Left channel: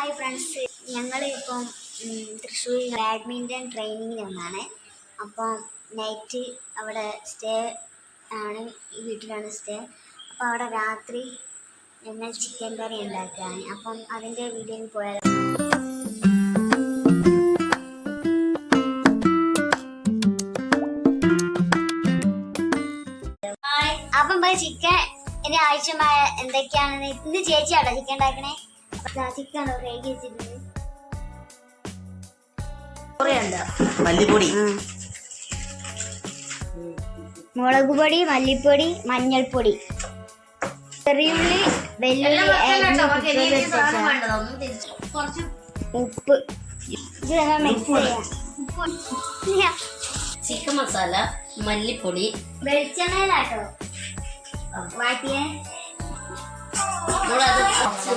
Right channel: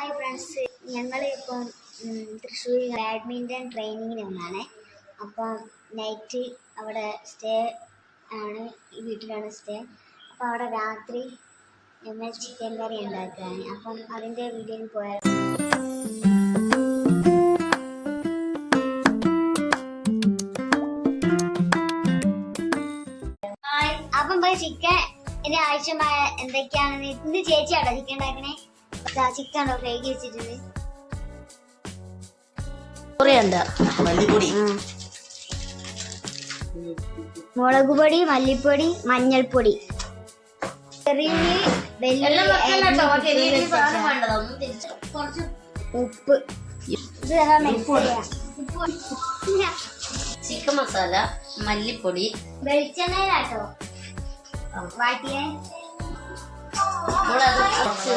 Hi friends ഞങ്ങൾ ഇപ്പം Thrissur badminton ട്രെയിനിങ്ങിന് വന്നാണ്. അപ്പം നൈറ്റ് അവിടെ സ്റ്റേ ആണ് ഈ വീട്ടിലാണ് സ്റ്റേ അപ്പോൾ അവിടെ രാത്രി ഞങ്ങൾ ചിക്കൻ കറി ഉണ്ടാക്കുകയാണ്. അപ്പം അതിന്റെ വീഡിയോയിൽ പോയാൽ അപ്പം ചിക്കൻ എന്റെ ആവശ്യമായ എന്തൊക്കെയാണെന്ന് ഇന്ന് ചേച്ചിയാട്ടോ ചിക്കൻ ഉണ്ടാക്കണേ? ചിക്കൻ ഉണ്ടോ കഴുകി വെച്ചിട്ടുണ്ട് മല്ലിപ്പൊടി. മുളക് പൊടി മല്ലിപ്പൊടി മഞ്ഞൾപ്പൊടി. ചെറിയുള്ളി വെല്ലുള്ളി ഉപ്പ്. ചിക്കൻ മസാല മല്ലിപ്പൊടി. വെളിച്ചെണ്ണയിലാട്ടോ. വാട്ടിയെ. നമ്മളത് കുറച്ച്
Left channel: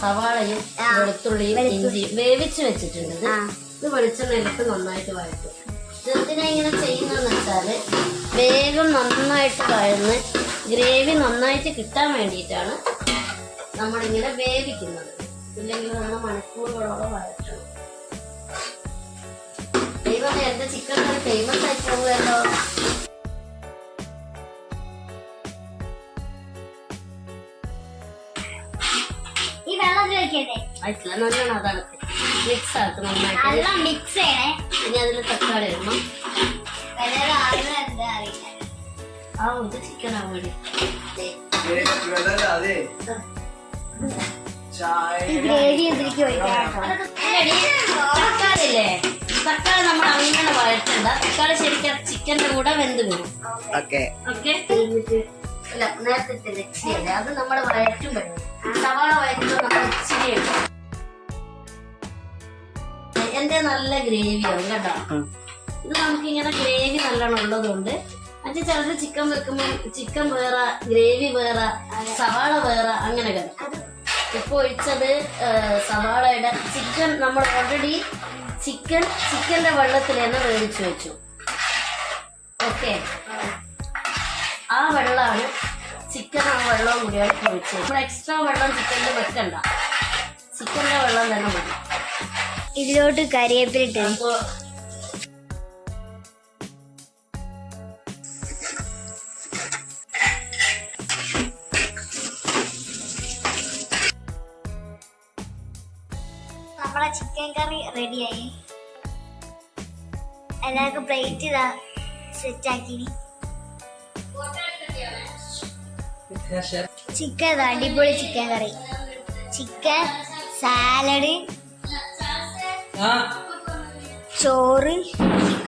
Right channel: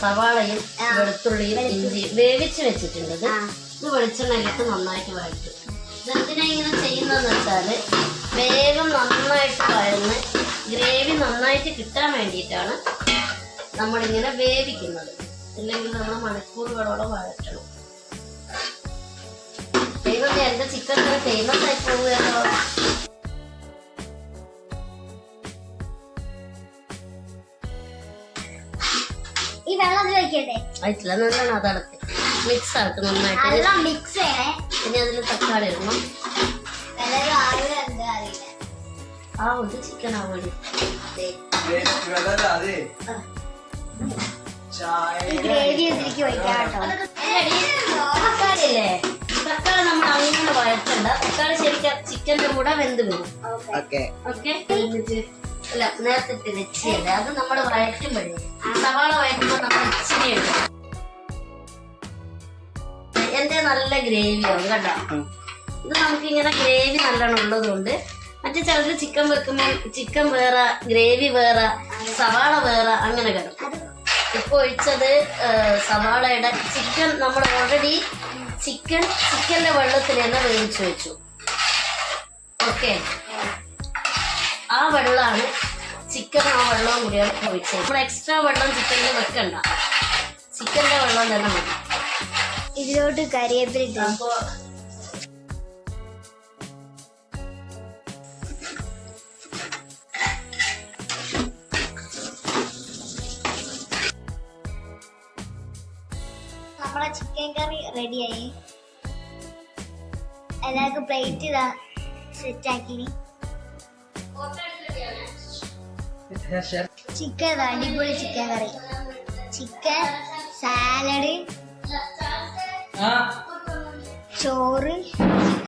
സവാളയും വെളുത്തുള്ളിയും ഇഞ്ചി വേവിച്ച് വെച്ചിട്ടുണ്ട് ഇത് വെളിച്ചെണ്ണയിലിട്ട് നന്നായിട്ട് വഴറ്റും. ഇതെന്തിനാ ഇങ്ങനെ ചെയ്യുന്നതെന്ന് വെച്ചാൽ വേഗം നന്നായിട്ട് വഴന്ന് ഗ്രേവി നന്നായിട്ട് കിട്ടാൻ വേണ്ടിയിട്ടാണ് നമ്മളിങ്ങനെ വേവിക്കുന്നത്. ഇല്ലെങ്കിൽ നമ്മൾ മണിക്കൂറുകളോളം വഴറ്റണം. ദൈവമേ എന്റെ ചിക്കൻ കറി ഫേമസ് ആയി പോകുമല്ലോ ഈ വെള്ളത്തിൽ വെക്കട്ടെ ആയിട്ടില്ല നല്ലോണം അതടക്ക് മിക്സ് ആക്കും നന്നായിട്ട്. നല്ല മിക്സ് ചെയ്യണേ. ഇനി അതിൽ തക്കാളി ഇടണം. ആ ഒരു ചിക്കൻ ആവണി തക്കാളിയില്ലേ? തക്കാളി നമ്മൾ അങ്ങനെ വഴറ്റണ്ട. തക്കാളി ശരിക്കും ചിക്കന്റെ കൂടെ വെന്ത് വരും. ഓക്കെ ഓക്കെ അല്ല നേരത്തെ വെച്ചില്ല അത് നമ്മൾ വഴറ്റുമ്പോഴേ. സവാള വഴറ്റുമ്പോൾ നമ്മൾ ഇച്ചിരി ഇടും. എന്റെ നല്ല ഗ്രേവിയാണ് കേട്ടോ. ഇത് നമുക്ക് ഇങ്ങനെ ഗ്രേവി നല്ലോണം ഉള്ളതുകൊണ്ട് മറ്റേ ചിലത് ചിക്കൻ വെക്കുമ്പോൾ ചിക്കൻ വേറെ ഗ്രേവി വേറെ സവാള വേറെ അങ്ങനെ കിടക്കും ഇപ്പൊ ഒഴിച്ചത് സവാളയുടെ ചിക്കൻ നമ്മൾ ഓൾറെഡി ചിക്കൻ ചിക്കന്റെ വെള്ളത്തിൽ തന്നെ വേവിച്ചു വെച്ചു. ഓക്കെ? ആ വെള്ളമാണ് ചിക്കൻ ആ വെള്ളം കൂടിയാണ് ഒഴിച്ചത്. നമ്മൾ എക്സ്ട്രാ വെള്ളം ചിക്കനിൽ വെക്കണ്ട. ചിക്കന്റെ വെള്ളം തന്നെ മതി. ഇതിലോട്ട് കരിവേപ്പിലിട്ട് അപ്പോൾ നമ്മളെ ചിക്കൻ കറി റെഡിയായി എല്ലാവർക്കും പ്ലേറ്റ് ഇതാ സെറ്റ് ആക്കി ചിക്കൻ അടിപൊളി ചിക്കൻ കറി. ചിക്കൻ.